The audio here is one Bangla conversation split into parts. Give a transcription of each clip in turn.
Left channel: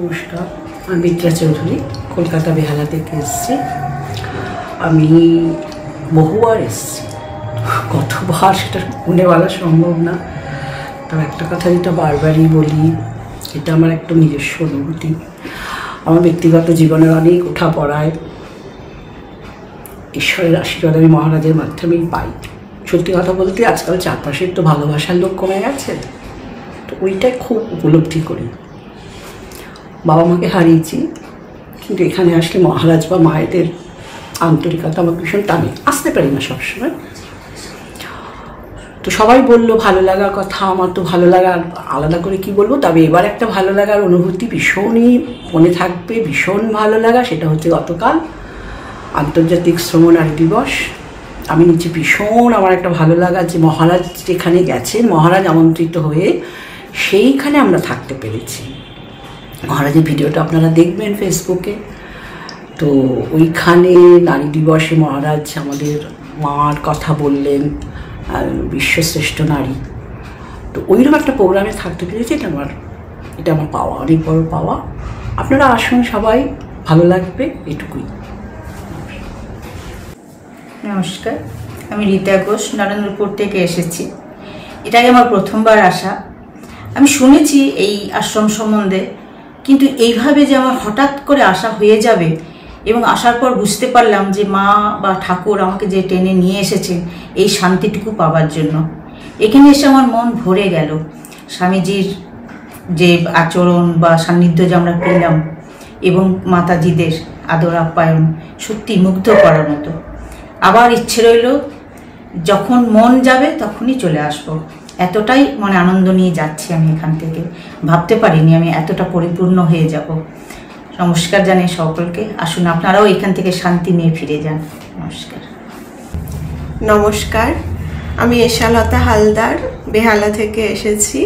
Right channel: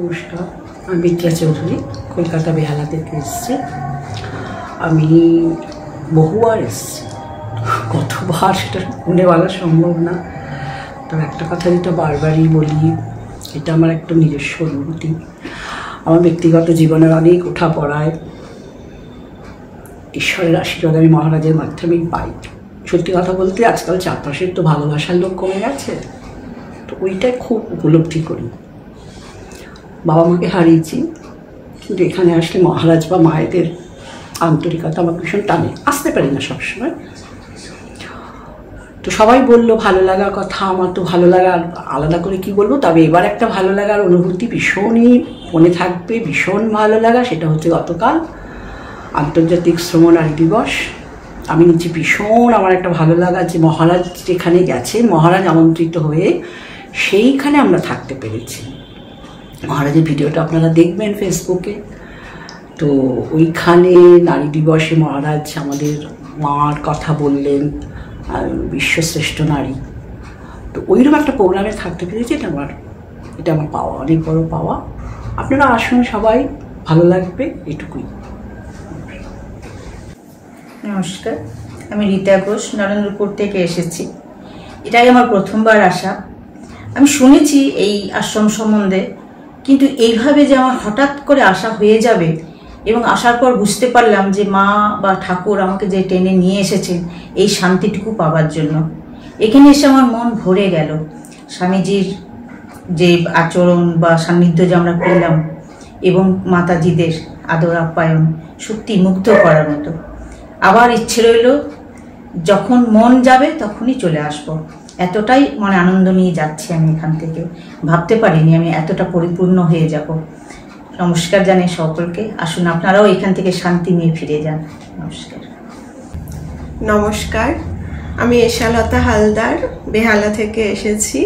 নমস্কার, আমি বিদ্রা চৌধুরী, কলকাতা বেহালা থেকে এসেছি। আমি বহুবার এসেছি, কতবার সেটা মনে বলা সম্ভব না। তবে একটা কথা যেটা বারবারই বলি, এটা আমার একটা নিজস্ব অনুভূতি। আমার ব্যক্তিগত জীবনের অনেক ওঠা পড়ায় ঈশ্বরের আশীর্বাদ আমি মহারাজের মাধ্যমেই পাই। সত্যি কথা বলতে আজকাল চারপাশের তো ভালোবাসার লোক কমে গেছে, তো ওইটাই খুব উপলব্ধি করি। বাবা মাকে হারিয়েছি, কিন্তু এখানে আসলে মহারাজ বা মায়েদের আন্তরিকতা আমার ভীষণ টানে, আসতে পারি না সবসময়। তো সবাই বললো ভালো লাগার কথা, আমার তো ভালো লাগার আলাদা করে কি বলবো। তবে এবার একটা ভালো লাগার অনুভূতি ভীষণই মনে থাকবে, ভীষণ ভালো লাগা। সেটা হচ্ছে গতকাল আন্তর্জাতিক শ্রম নারী দিবস। আমি নিচে ভীষণ আমার একটা ভালো লাগা যে মহারাজ যেখানে গেছেন, মহারাজ আমন্ত্রিত হয়ে সেইখানে আমরা থাকতে পেরেছি। মহারাজের ভিডিওটা আপনারা দেখবেন ফেসবুকে। তো ওইখানে নারী দিবসে মহারাজ আমাদের মার কথা বললেন, বিশ্বশ্রেষ্ঠ নারী। তো ওইরকম একটা প্রোগ্রামে থাকতে পেরেছি, এটা আমার পাওয়া, অনেক বড় পাওয়া। আপনারা আসুন সবাই, ভালো লাগবে, এটুকুই। নমস্কার, আমি রীতা ঘোষ, নরেন্দ্রপুর থেকে এসেছি। এটাই আমার প্রথমবার আসা। আমি শুনেছি এই আশ্রম সম্বন্ধে, কিন্তু এইভাবে যে আমার হঠাৎ করে আসা হয়ে যাবে এবং আসার পর বুঝতে পারলাম যে মা বা ঠাকুর আমাকে যে টেনে নিয়ে এসেছেন এই শান্তিটুকু পাওয়ার জন্য। এখানে এসে আমার মন ভরে গেল। স্বামীজির যে আচরণ বা সান্নিধ্য যে আমরা পেলাম এবং মাতাজিদের আদর আপ্যায়ন সত্যি মুগ্ধ করার মতো। আবার ইচ্ছে রইল যখন মন যাবে তখনই চলে আসব। এতটাই মনে আনন্দ নিয়ে যাচ্ছি আমি এখান থেকে। ভাবতে পারিনি আমি এতটা পরিপূর্ণ হয়ে যাব। নমস্কার জানাই সকলকে। আসুন আপনারাও এখান থেকে শান্তি নিয়ে ফিরে যান। নমস্কার। নমস্কার, আমি এশালতা হালদার, বেহালা থেকে এসেছি।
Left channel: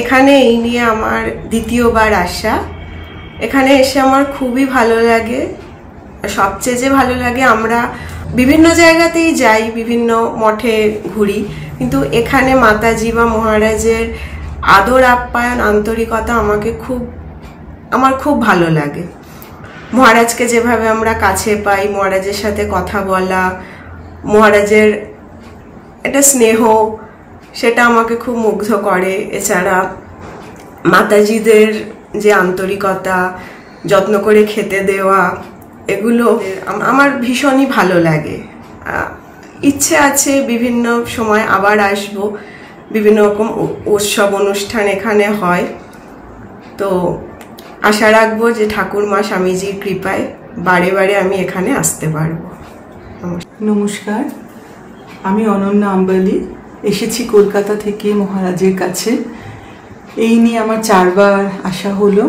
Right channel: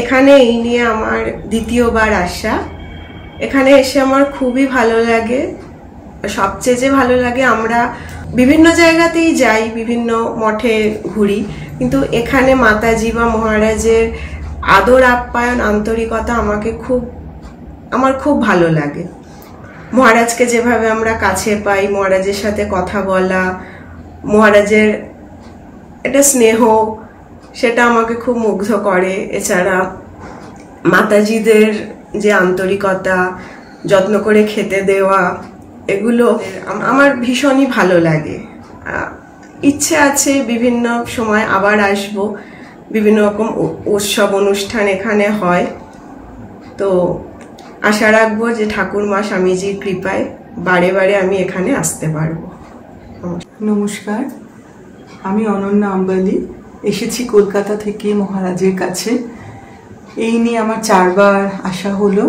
এখানে এই নিয়ে আমার দ্বিতীয়বার আসা। এখানে এসে আমার খুবই ভালো লাগে। সবচেয়ে যে ভালো লাগে, আমরা বিভিন্ন জায়গাতেই যাই, বিভিন্ন মঠে ঘুরি, কিন্তু এখানে মাতাজি বা মহারাজের আদর আপ্যায়ন, আন্তরিকতা আমার খুব ভালো লাগে। মহারাজকে যেভাবে আমরা কাছে পাই, মহারাজের সাথে কথা বলা, মহারাজের একটা স্নেহ, সেটা আমাকে খুব মুগ্ধ করে। এছাড়া মাতাজিদের যে আন্তরিকতা, যত্ন করে খেতে দেওয়া, এগুলো আমার ভীষণই ভালো লাগে। ইচ্ছে আছে বিভিন্ন সময় আবার আসব। বিভিন্ন রকম উৎসব অনুষ্ঠান এখানে হয়, তো আশা রাখবো যে ঠাকুরমা স্বামীজির কৃপায় বারে বারে আমি এখানে আসতে পারবো। নমস্কার, আমি অনন্যা আম্বালি, এসেছি কলকাতা থেকে মহারাজের কাছে। এই নিয়ে আমার 4বার আসা হলো।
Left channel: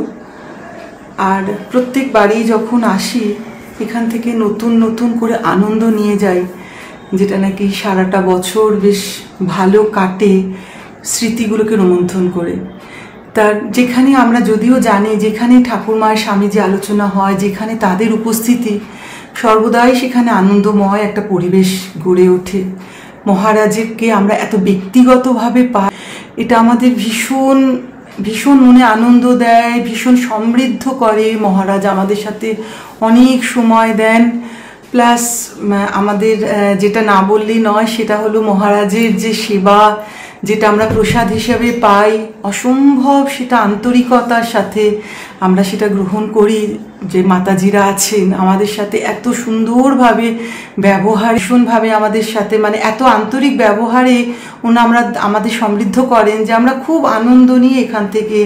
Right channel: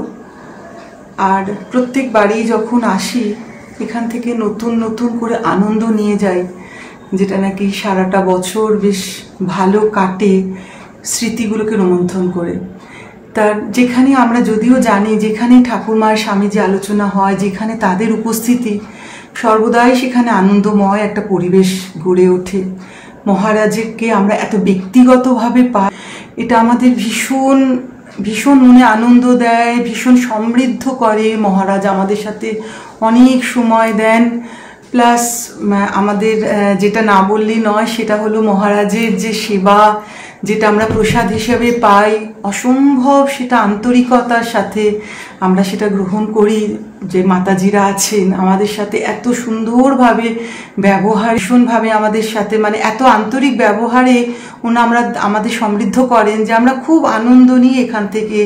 আর প্রত্যেকবারই যখন আসি এখান থেকে নতুন নতুন করে আনন্দ নিয়ে যাই, যেটা নাকি সারাটা বছর বেশ ভালো কাটে স্মৃতিগুলোকে রোমন্থন করে। তার যেখানে আমরা যদিও জানি যেখানে ঠাকুরমার স্বামীজি আলোচনা হয়, যেখানে তাদের উপস্থিতি, সর্বদাই সেখানে আনন্দময় একটা পরিবেশ গড়ে ওঠে। মহারাজকে আমরা এত ব্যক্তিগতভাবে পাই, এটা আমাদের ভীষণ ভীষণ মনে আনন্দ দেয়, ভীষণ সমৃদ্ধ করে। মহারাজ আমাদের সাথে অনেক সময় দেন। প্লাস আমাদের যেটা না বললেই নয়, সেটা হলো মহারাজের যে সেবা, যেটা আমরা প্রসাদ হিসেবে পাই, অসম্ভব সেটা আন্তরিকতার সাথে আমরা সেটা গ্রহণ করি। যে মাতাজিরা আছেন আমাদের সাথে এত সুন্দরভাবে ব্যবহার, ভীষণভাবে আমাদের সাথে মানে এত আন্তরিক ব্যবহারে আমরা আমাদের সমৃদ্ধ করেন যে আমরা খুব আনন্দ নিয়ে এখান থেকে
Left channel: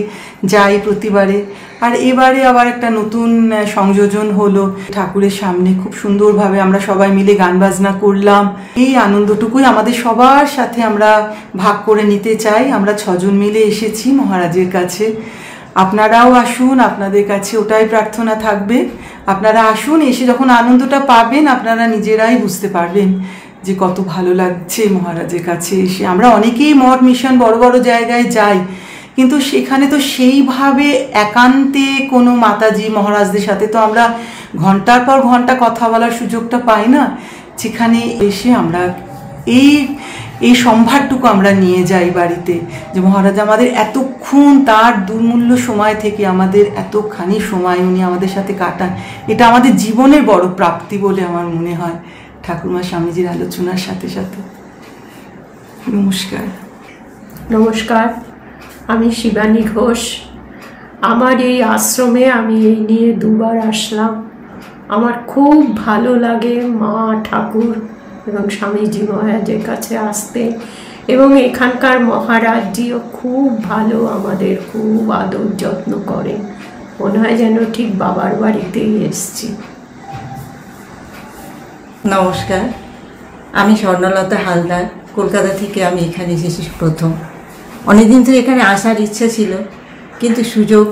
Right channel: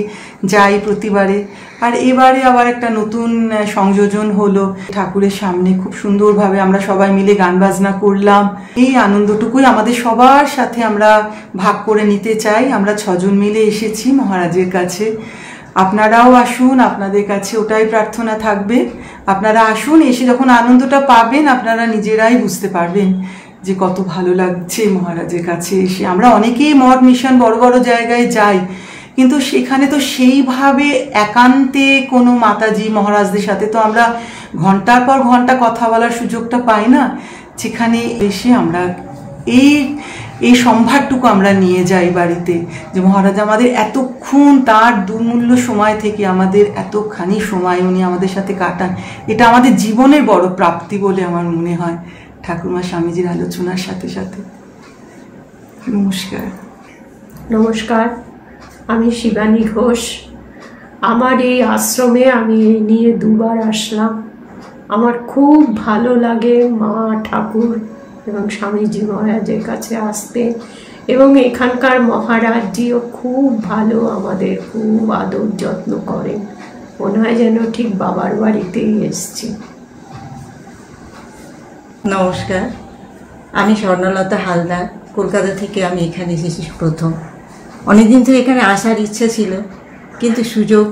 যাই প্রতিবারে। আর এবারে আবার একটা নতুন সংযোজন হলো, ঠাকুরের সামনে খুব সুন্দরভাবে আমরা সবাই মিলে গান বাজনা করলাম। এই আনন্দটুকুই আমাদের সবার সাথে আমরা ভাগ করে নিতে চাই। আমরা 6 জন মিলে এসেছি মহারাজের কাছে। আপনারাও আসুন, আপনাদের কাছে ওটাই প্রার্থনা থাকবে। আপনারা আসুন, এসে যখন আনন্দটা পাবেন আপনারা নিজেরাই বুঝতে পারবেন যে কত ভালো লাগছে মহারাজের কাছে এসে। আমরা অনেকেই মঠ মিশন বড় বড় জায়গায় যাই, কিন্তু সেখানে তো সেইভাবে একান্তে কোনো মাতাজি মহারাজদের সাথে তো আমরা ঘন্টার পর ঘন্টা কথা বলার সুযোগটা পাই না। যেখানে এসে আমরা এই সম্ভারটুকু আমরা নিয়ে যাই বাড়িতে, যে মহারাজ আমাদের এতক্ষণ তার দুর্মূল্য সময় থেকে আমাদের এতখানি সময় উনি আমাদের সাথে কাটান, এটা আমাদের জীবনের বড় প্রাপ্তি বলে আমার মনে হয় ঠাকুরমা স্বামীজির আলোচনার সাথে সাথে। নমস্কার। নমস্কার, আমি শিবানী ঘোষ। আমার এই আশ্রমে আমি এই নিয়ে দুবার আসলাম। আমার খুব ভালো লাগে মা, ঠাকুর এবং স্বামীজি মহারাজের কাছে আসতে, এবং এখানকার মহারাজজিও খুব ভালো, আমাদের খুব আদর যত্ন করেন। মনে হয় যেন ঠিক বাবার বাড়িতেই এসছি। নমস্কার, আমি স্বর্ণলতা হালদার। কলকাতা থেকে আমি এখানে এসেছি প্রথম। অনেকদিন ধরে এখানে আসার ইচ্ছা ছিল, কিন্তু সুযোগ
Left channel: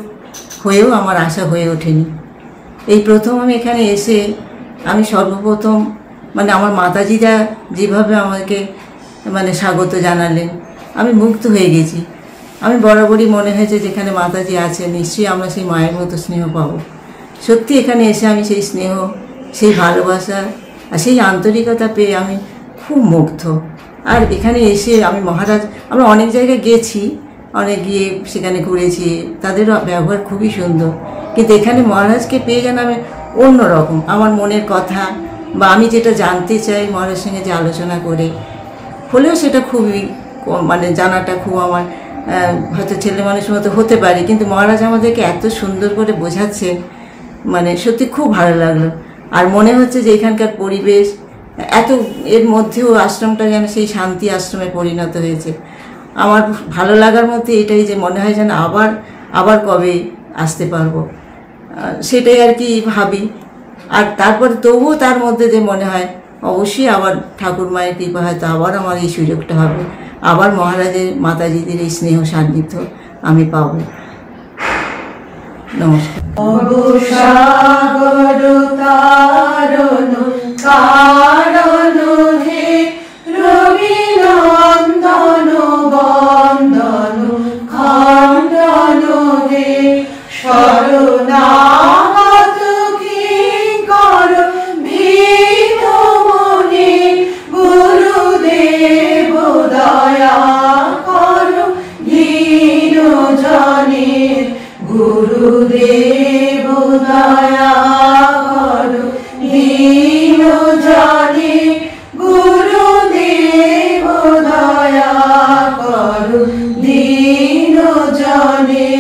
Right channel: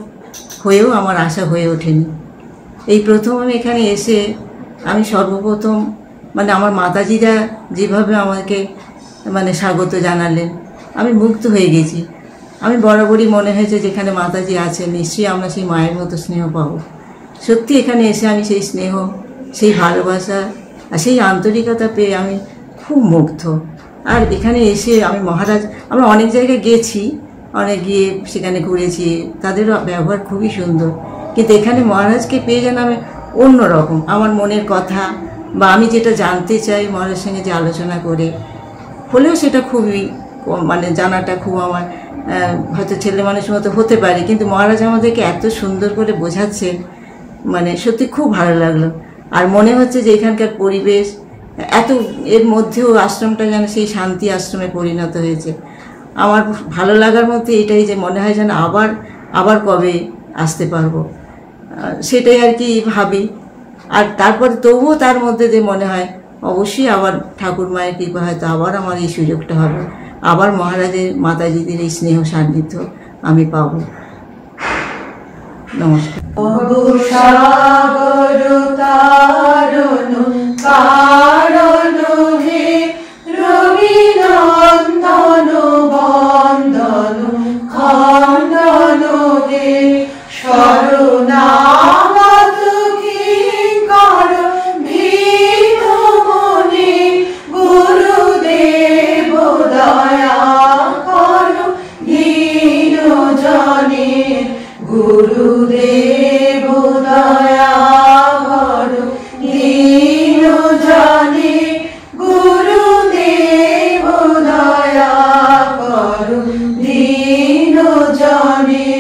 হয়েও আমার আশা হয়ে ওঠেনি। এই প্রথম আমি এখানে এসে আমি সর্বপ্রথম আমার মাতাজিরা যেভাবে আমাকে স্বাগত জানালেন, আমি মুগ্ধ হয়ে গেছি। আমি বরাবরই মনে হয়েছে যেখানে মাতাজি আছেন নিশ্চয়ই আমরা সেই মায়ের মতো স্নেহ পাবো। সত্যি এখানে এসে আমি সেই স্নেহ, সেই ভালোবাসা আর সেই আন্তরিকতা পেয়ে আমি খুব মুগ্ধ। আর এখানে এসে আমি আমরা অনেক জায়গায় গেছি, অনেক গিয়ে সেখানে ঘুরেছি, তাদের ব্যবহার খুবই সুন্দর, কিন্তু এখানে মহারাজকে পেয়ে যেন আমি অন্যরকম আমার মনের কথা বা আমি যেটা জানতে চাই মহারাজের সঙ্গে যে আলোচনা করে হলেও সেটা খুবই জানাটা খুব আমার হয়তো ছেলে মানুষের মতো হতে পারে, কিন্তু মহারাজ আমাদেরকে এত সুন্দর করে বোঝাচ্ছেন, সত্যি খুব ভালো লাগলো। আর মনে হচ্ছে যে এখানকার পরিবেশ এত এর মধ্যেও আশ্রমটা যেন সেই শান্তি আশ্রমে পরিণত হয়েছে। আমার ভালো লাগার মধ্যে এটাই যে মনে হয় যেন আবার কবে আসতে পারবো, সেটাই আর কি ভাবি। আর তারপরে তবুও তার মধ্যে যে মনে হয় অবশ্যই আবার ঠাকুর মায়ের কৃপা হয়তো আবার আমার এই সুযোগটা হবে, আবার মহারাজের মাতাজিদের এই স্নেহ সান্নিধ্য আমি পাবো। গুরুদেব দয়া করো দীন জনে, গুরুদেব দয়া করো দীন জনে।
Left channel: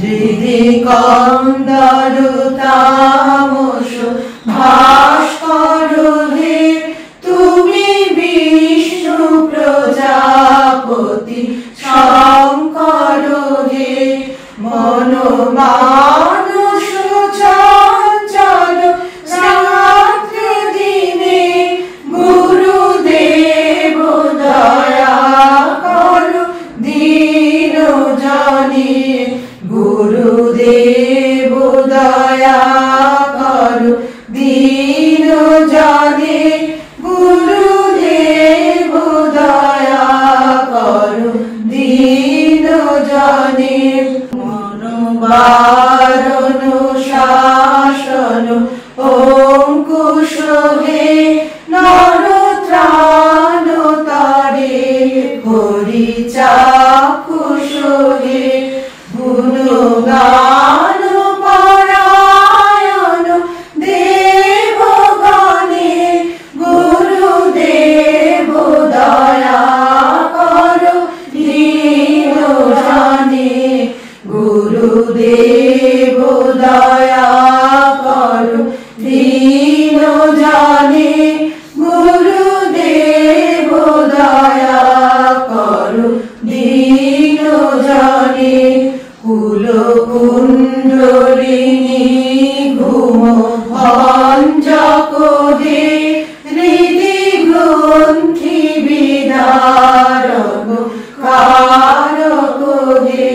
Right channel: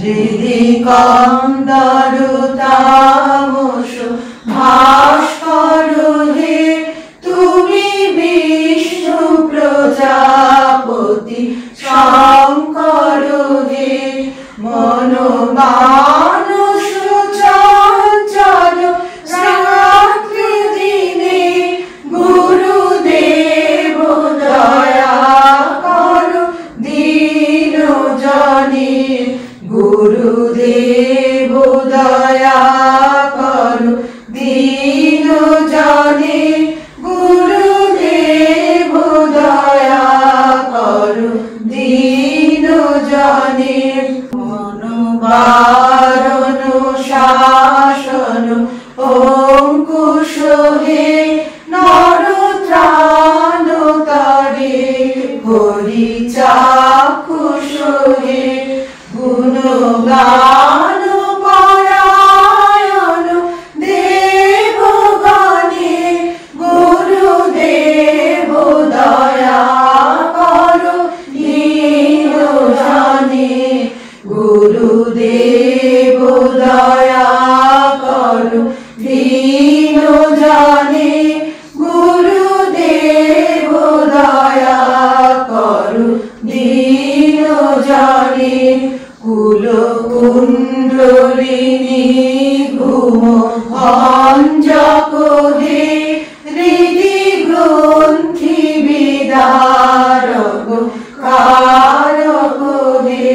হৃদি কন্দর তামস ভাস্কর হে, তুমি বিষ্ণু প্রজাপতি শঙ্কর হে। মনোমানস চঞ্চল রাত্রি দিনে, গুরুদেব দয়া করো দীন জনে। গুরুদেব দয়া করো দীন জনে, গুরুদেব দয়া করো দীন জনে। বারণ শাসন অঙ্কুশ হে, নরত্রাণ তরে হরি চাক্ষুষ হে। গুণগান পরায়ণ দেবগণে, গুরুদেব দয়া করো দীন জনে। গুরুদেব দয়া করো দীন জনে, গুরুদেব দয়া করো দীন জনে। কুলকুণ্ডলিনী ঘুম ভঞ্জক হে, হৃদি গ্রন্থি বিদারক কারক হে।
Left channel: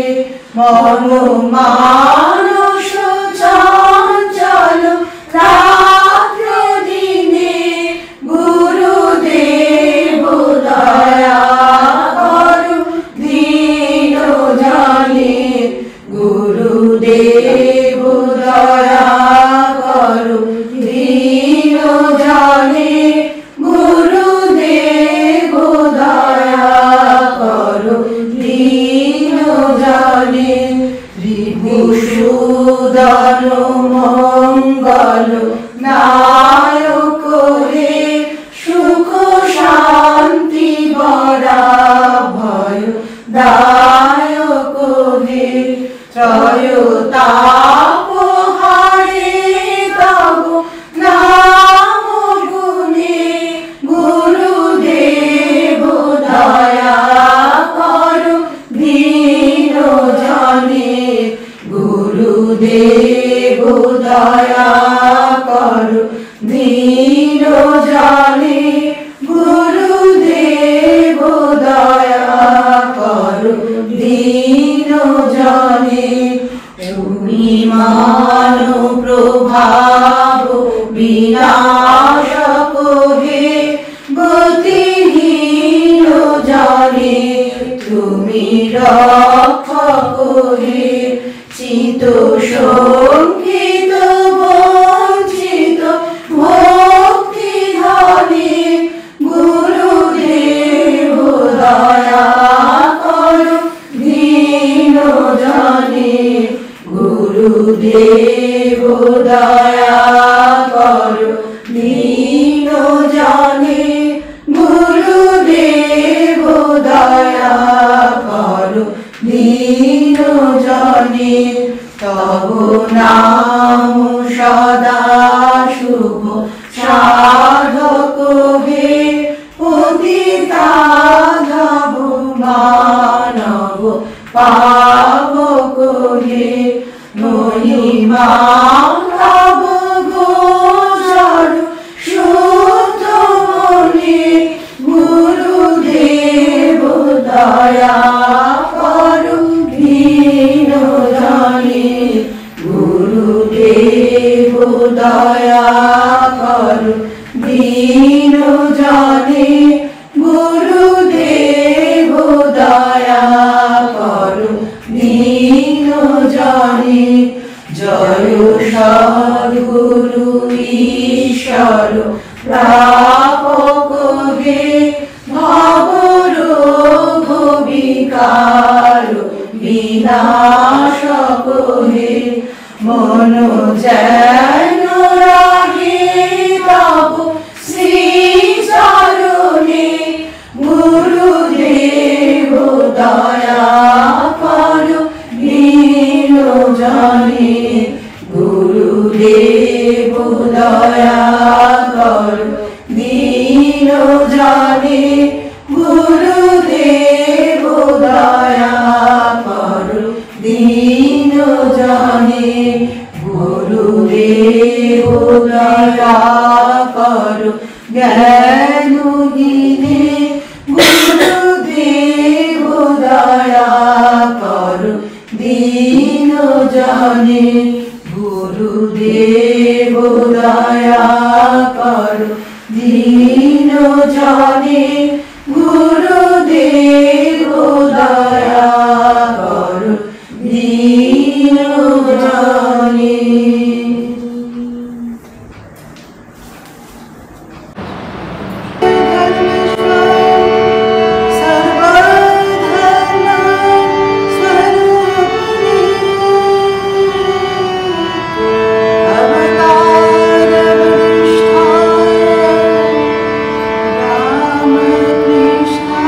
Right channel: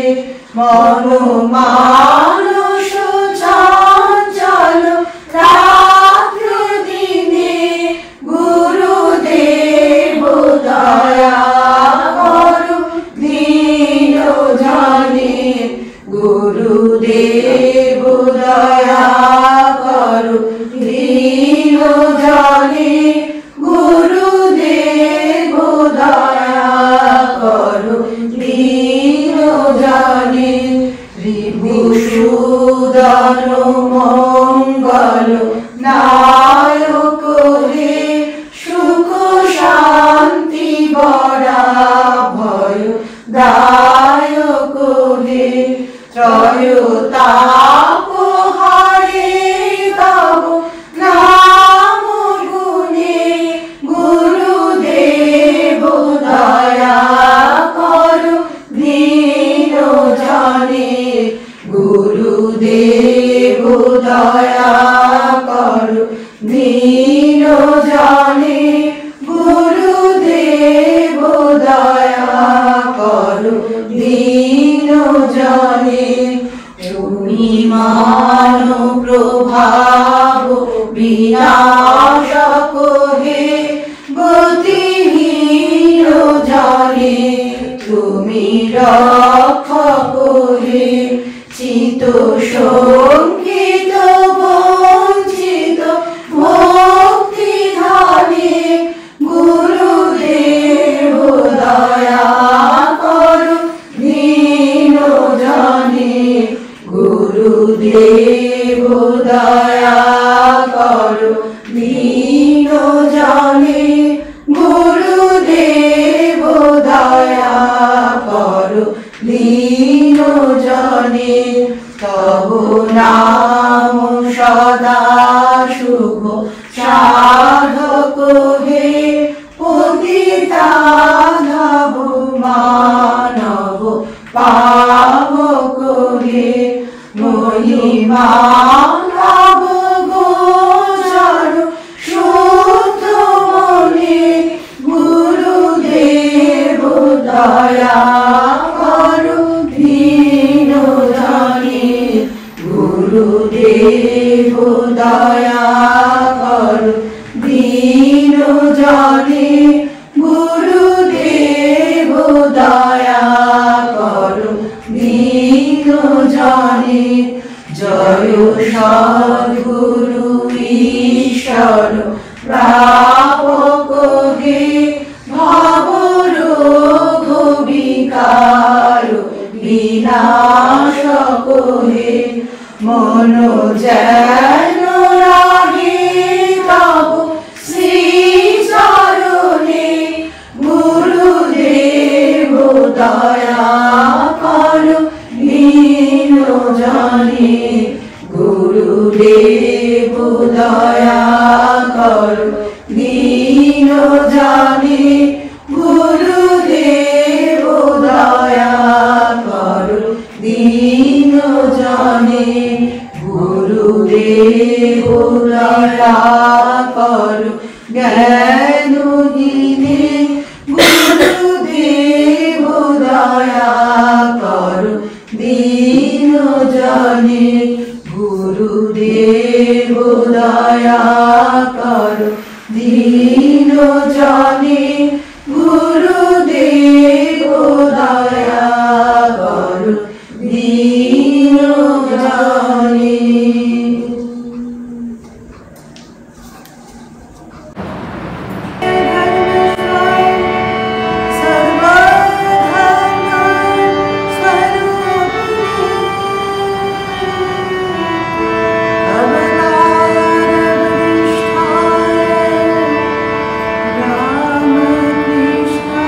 মনোমানস চঞ্চল রাত্রি দিনে, গুরুদেব দয়া করো দীন জনে। গুরুদেব দয়া করো দীন জনে, গুরুদেব দয়া মধুসূদন মঙ্গল নায়ক হে, সুখ শান্তি বরা ভয় দায়ক হে, ত্রয়তাপ হারে তব নাম গুণে, গুরুদেব দয়া করো দীন জনে, গুরুদেব দয়া করো দীন জনে, গুরুদেব দয়া করো দীন জনে। তুমি মানো প্রভাব বিনাশক হে, গতিহীন জনে তুমি রক্ষক হে, চিত শঙ্কিত বঞ্চিত ভক্তি ধনে, গুরুদেব দয়া করো দীন জনে, গুরুদেব দয়া করো দীন জনে, গুরুদেব দয়া করো দীন জনে। তব নাম সদা শুভ সাধক হে, পতিতাধব মানব পাবক হে, মহিমা নব গোচর শুদ্ধ মনে, গুরুদেব দয়া করো দীন জনে, গুরুদেব দয়া করো দীন জনে, গুরুদেব দয়া করো দীন জনে। জয় সদ্গুরু ঈশ্বর প্রাপক হে, ভবরোগ বিকার বিনাশক হে, মন যেন রাহে তব শ্রী চরণে, গুরুদেব দয়া করো দীন জনে, গুরুদেব দয়া করো দীন জনে, গুরুদেব দয়া করো দীন জনে, গুরুদেব দয়া করো জ্ঞানহীনে, গুরুদেব দয়া করো দীন জনে, গুরুদেব দয়া করো দীন জনে, গুরুদেব দয়া করো দীন জনে। Krishna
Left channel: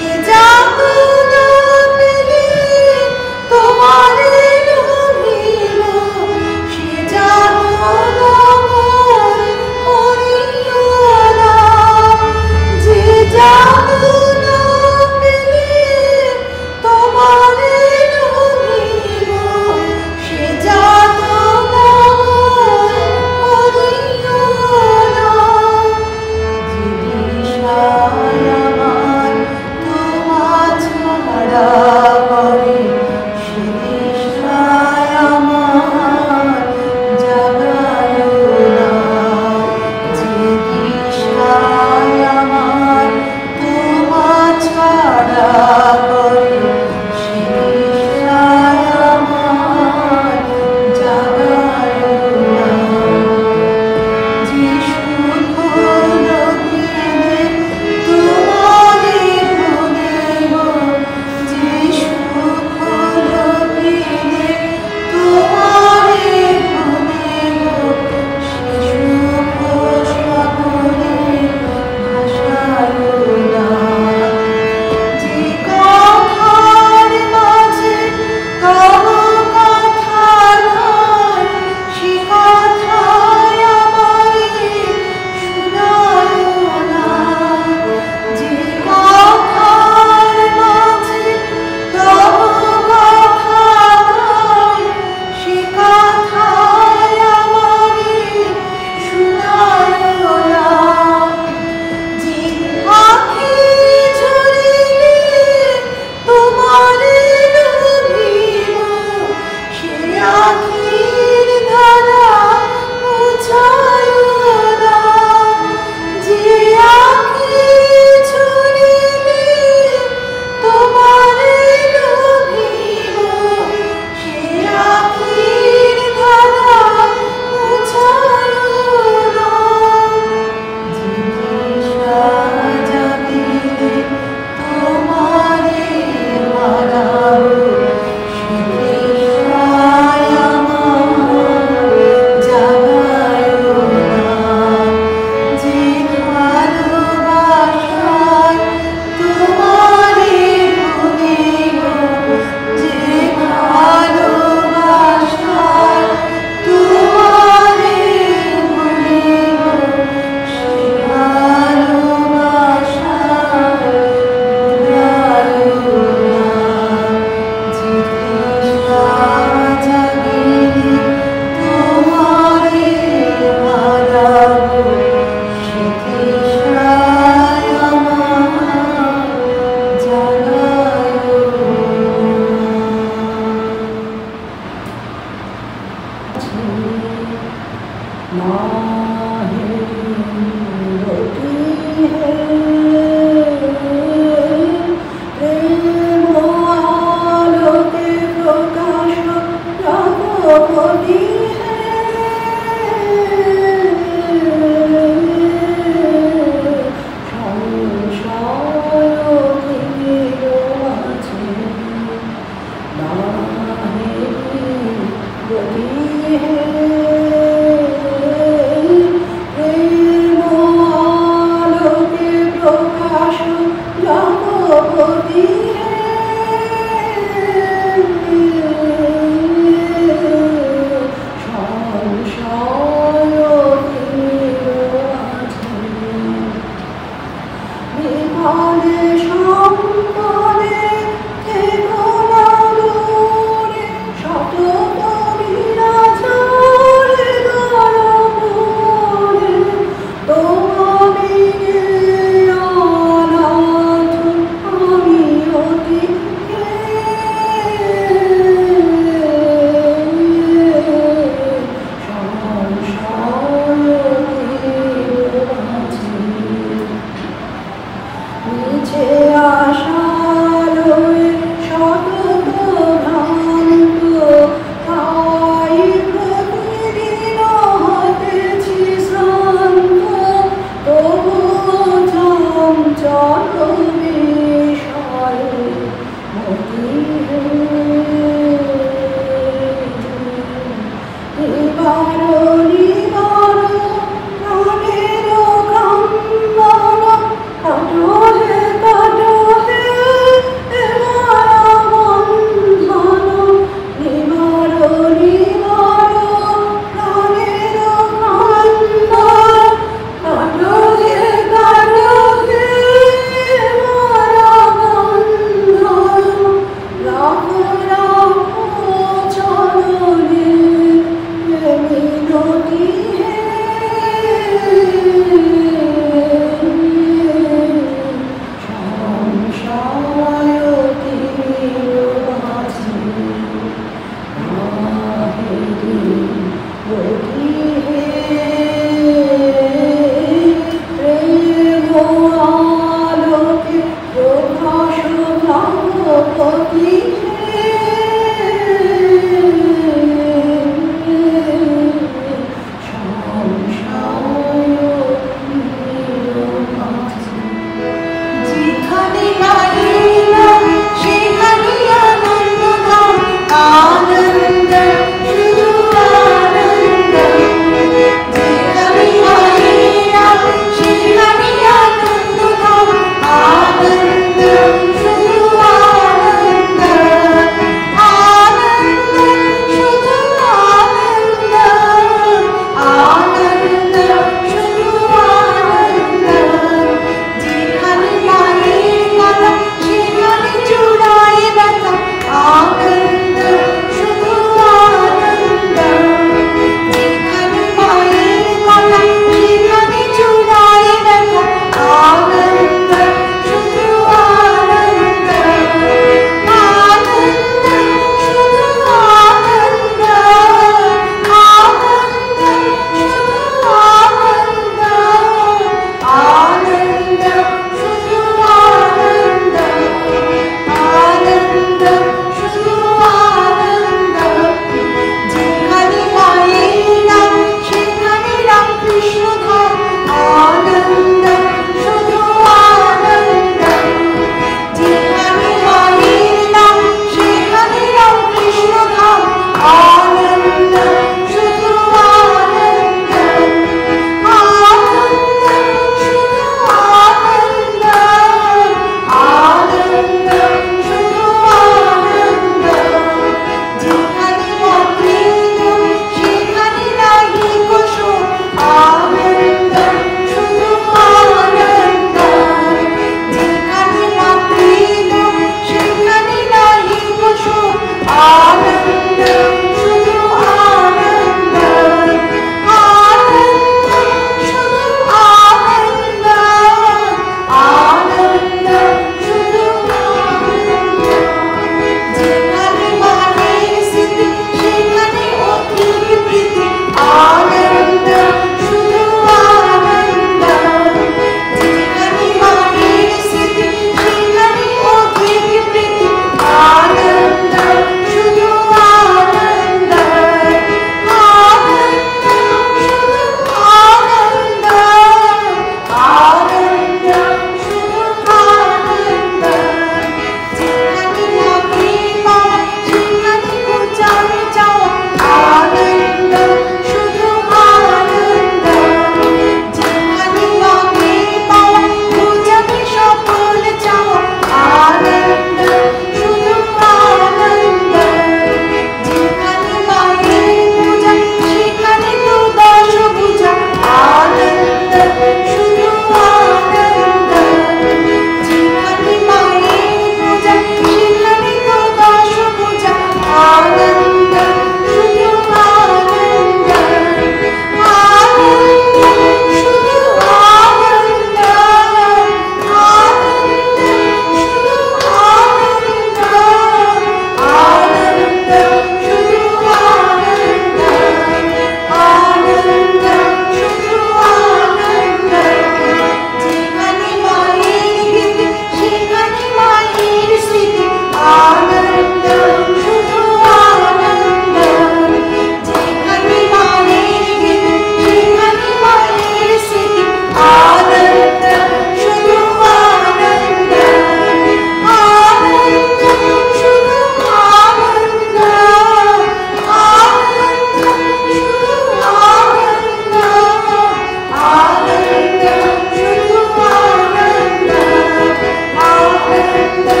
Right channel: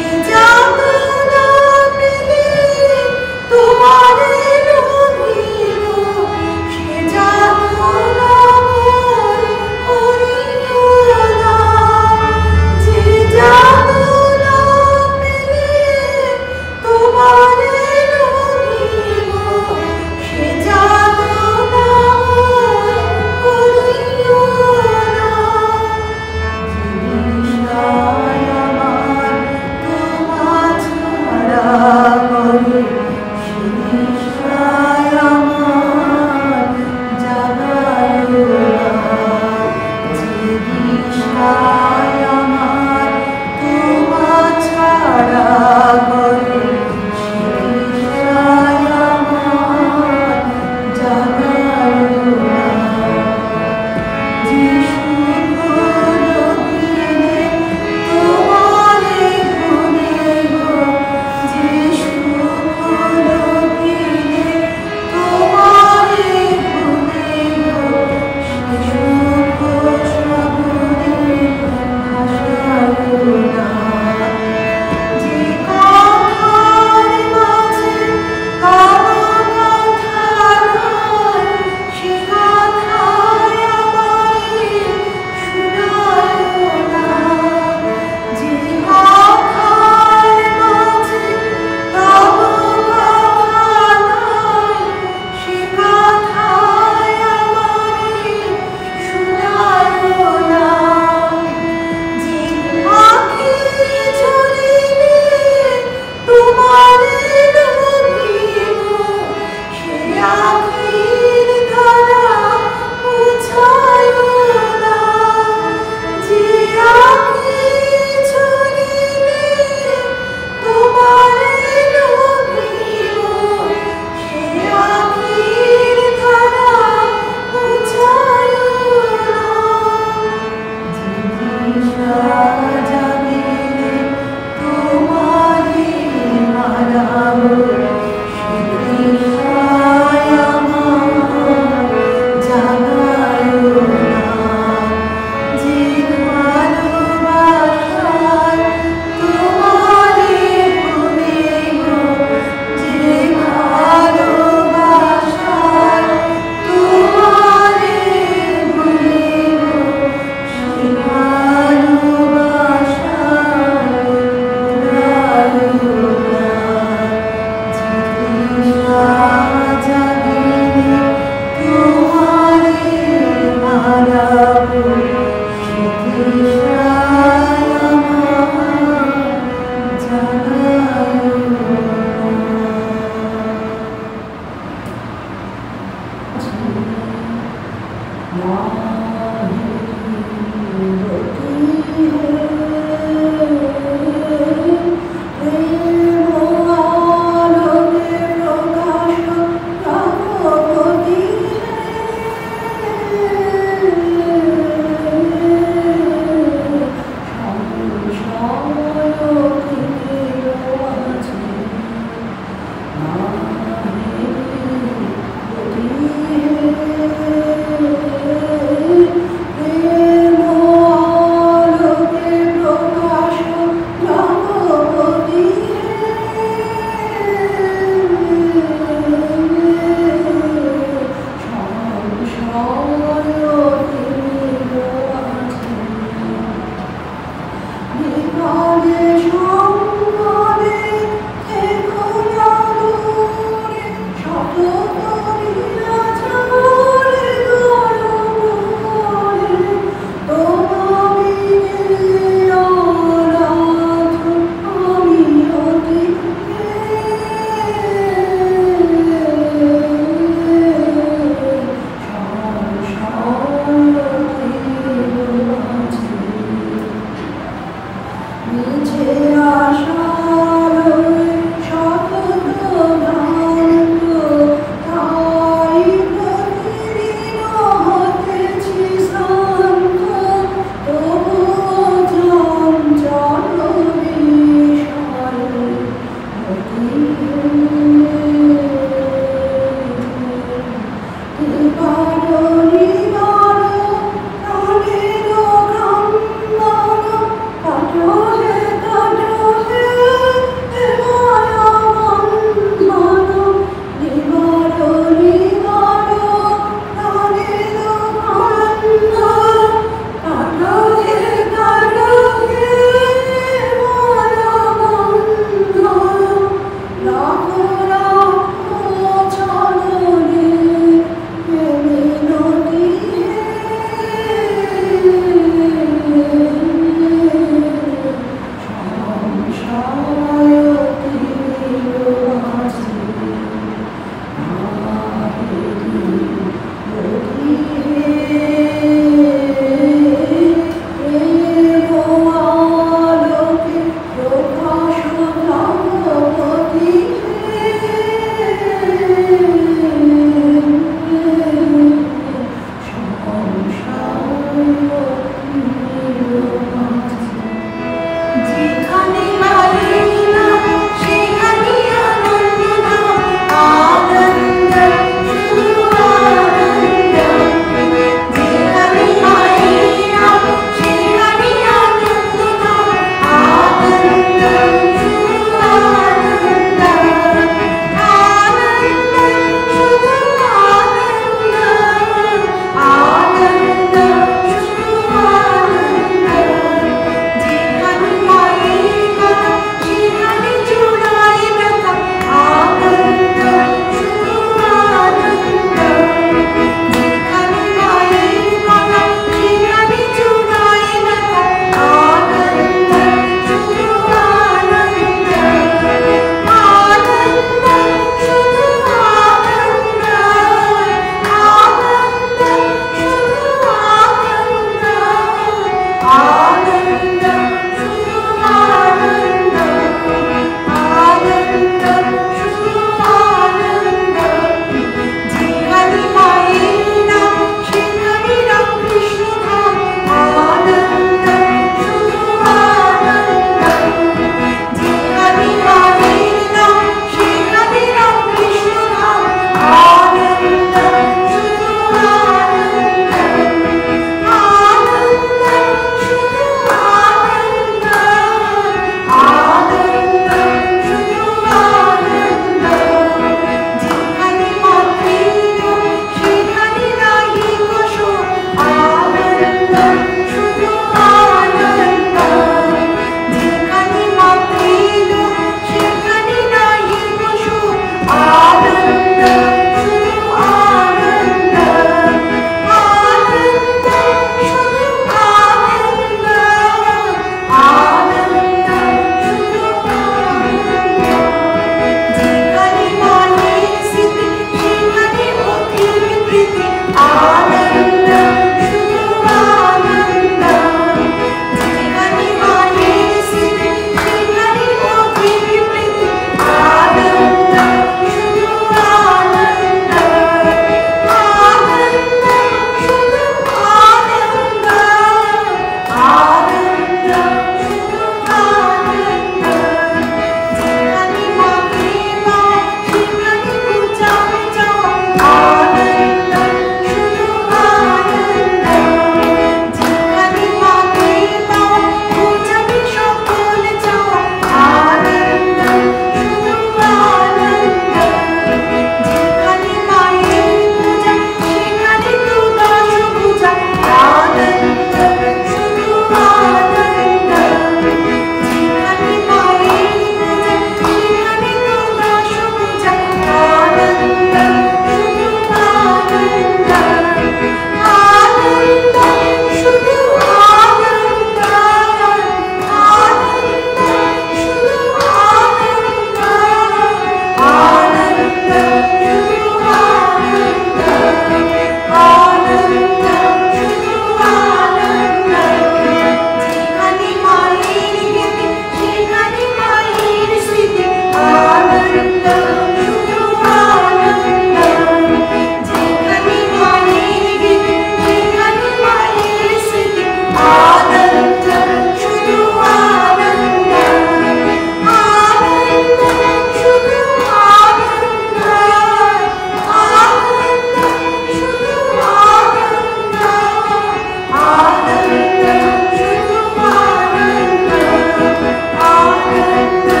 Thank you.